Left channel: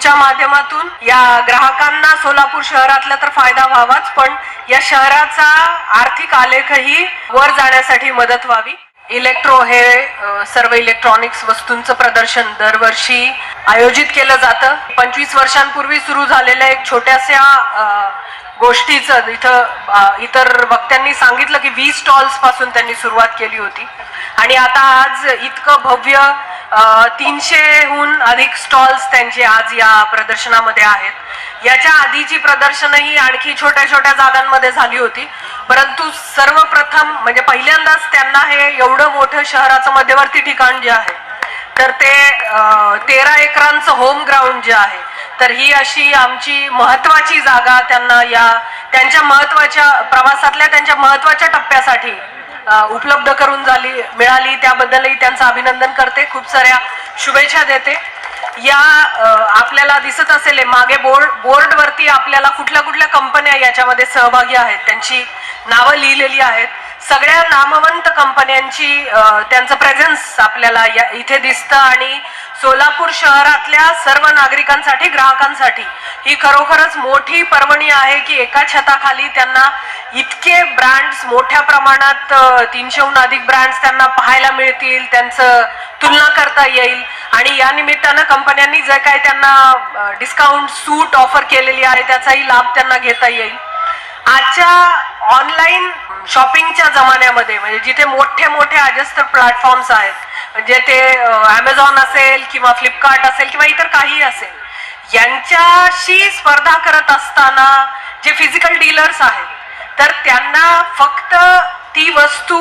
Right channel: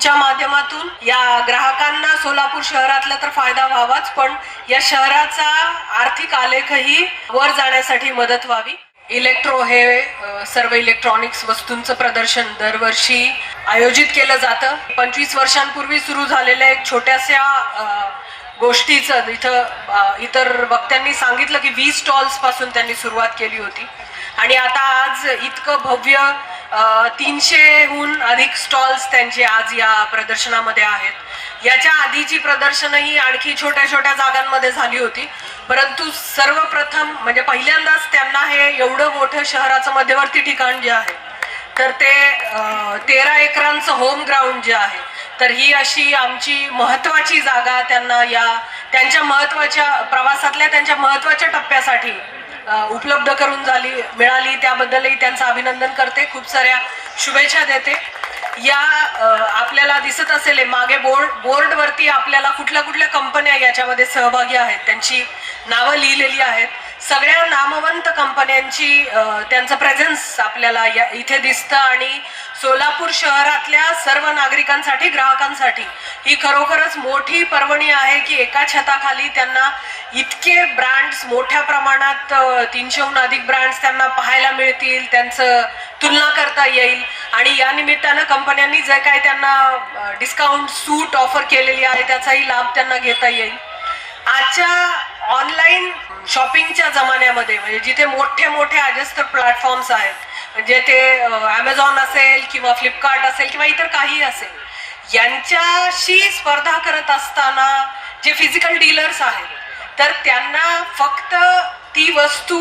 च्या माध्यमातून या ग्राहकांना सोलापूर शहरातला तर फायदा व्हावाच पण या शहराचा आर्थिक आलेखही वर जाण्यासाठी मदत व्हावी. इलेक्ट्रो हे सर्व इलेक्ट्रॉनिक्स वस्तूंचं प्रदर्शन दरवर्षी आयोजित केलं जातं. पंचवीस वर्षांपूर्वी सुरू झालेल्या एक छोट्याशा गोष्टीचं इथं इतर वक्त्यांनी सांगितलं की वीस स्टॉल्सपासून त्यांनी सुरुवात केली होती. आणि आता आज इतकं भव्य तीनशेहून अधिक स्टॉल्स त्यांचे आज या प्रदर्शनामध्ये आहेत. याच्या आधीची प्रदर्शनही आणखी छोट्या छोट्या जागांमध्ये झाली होती. परंतु सर्वप्रथम म्हणजे पहिल्यांदाच त्यांना हे एवढं मोठं शहराचं मध्यवर्ती ठिकाण जे आहे तर ते तेरा एकरांचं होम ग्राउंड जे आहे तर ही अशी आमची महत्वाची जागा त्यांना या त्यांच्या महत्त्वाच्या प्रवासातल्या त्यांच्या महत्त्वाच्या टप्प्यासाठी उपलब्ध करून झाली मिळाली. त्याबद्दलही त्यांचं अभिनंदन करते. खूप साऱ्या शुभेच्छा देते. या आपल्याला दिसत असेल मागे बोर्ड बोर्डवरती आपल्याला कुठल्या कुठल्या कंपन्या याच्यामध्ये सहभागी आहेत. त्यांची नावं लिहिलेली आहेत. सगळ्या नामवंत कंपन्यांची त्यांचं प्रेझेन्स आपल्याला या इथे दिसतं आणि सोलापूर शहरातल्या सर्व नागरिकांसाठी ग्राहकांसाठी ही खरोखरच मोठी पर्वणी आहे की एका छताखाली त्यांना इतके ब्रँड्स मोठ्या प्रमाणात तीनशेहून अधिक ब्रँड्स त्यांना पाहायला मिळतील त्यांचं तुलना करता येईल. आणि या निमित्तानं कंपन्यांनी जे काही त्यांना डिस्काउंट सूट ऑफर केलेली आहे त्याचाही लाभ त्यांना घेता येईल. आजच्या ऑनलाईन शॉपिंगच्या जमान्यामध्ये म्हणजे जिथे मोठे मोठे अजस्त्र प्लॅटफॉर्म्स आहेत म्हणजे ते अमेझॉन असेल किंवा फ्लिपकार्ट असेल किंवा इतर काही असेल यांच्याशी स्पर्धा करत असताना जे फिजिकल डीलर्स आहेत तर त्यांना फक्त ती वस्तू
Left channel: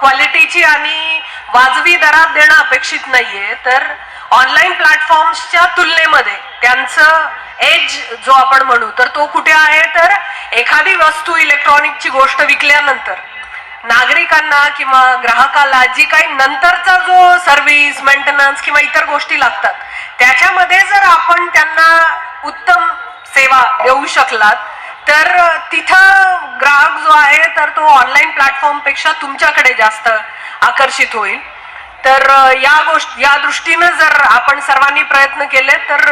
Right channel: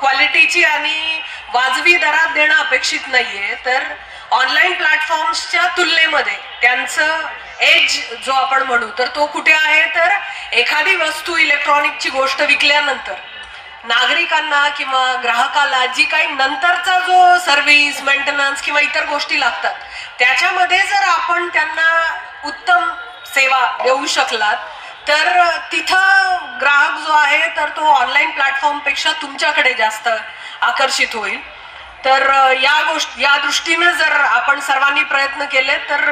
क्वालिटीची आणि वाजवी दरात देणं अपेक्षित नाहीये. तर ऑनलाईन प्लॅटफॉर्म्सच्या तुलनेमध्ये त्यांचं एज जो आपण म्हणू तर तो कुठे आहे? तर एखादी वस्तू इलेक्ट्रॉनिकची गोष्ट विकल्यानंतर नागरिकांना किंवा ग्राहकाला जी काही नंतरचा जो सर्व्हिस मेंटेनन्स किंवा इतर गोष्टी लागतात त्याच्यामध्ये जर आपण त्यांना उत्तम सेवा देऊ शकलात तर तिथं ग्राहक जो आहे तर तो ऑनलाईन प्लॅटफॉर्मपेक्षा तुमच्याकडे जास्त आकर्षित होईल. तर या गोष्टी या दृष्टीनं जर आपण सर्वांनी प्रयत्न केले तर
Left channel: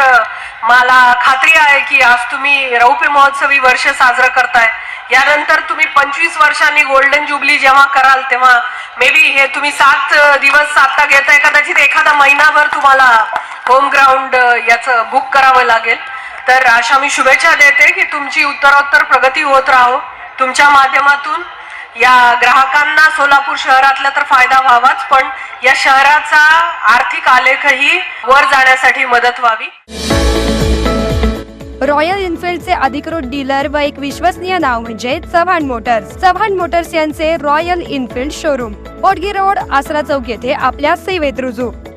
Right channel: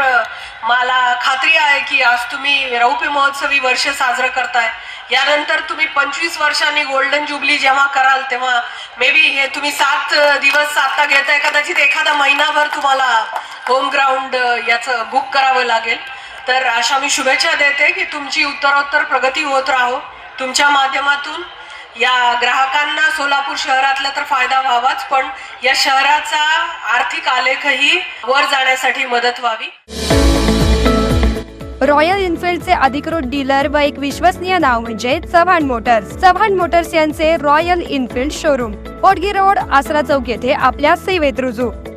मला खात्री आहे की आज तुम्ही रौप्य महोत्सवी वर्ष साजरं करताय. यानंतर तुम्ही पंचवीस वर्षांनी गोल्डन जुबली जेव्हा कराल तेव्हा मे बी हे तुम्ही सात दिवस आता घेताय कदाचित एखादा महिनाभर तुम्हाला होम ग्राउंड याचं बुक करावं लागेल. तर अशा मी शुभेच्छा देते की तुमची उत्तरोत्तर प्रगती होत राहो. तुमच्या माध्यमातून या ग्राहकांना सोलापूर शहरातला तर फायदा व्हावाच पण या शहराचा आर्थिक आलेखही वर जाण्यासाठी मदत व्हावी. रॉयल इन्फिल्डचे अधिकृत डीलर व एक विश्वसनीय नाव म्हणजे चव्हाण मोटर्स. चव्हाण मोटर्स यांचे royal enfield showroom. Potgi road Asara चौक येथे आपल्या सेवेत रुजू.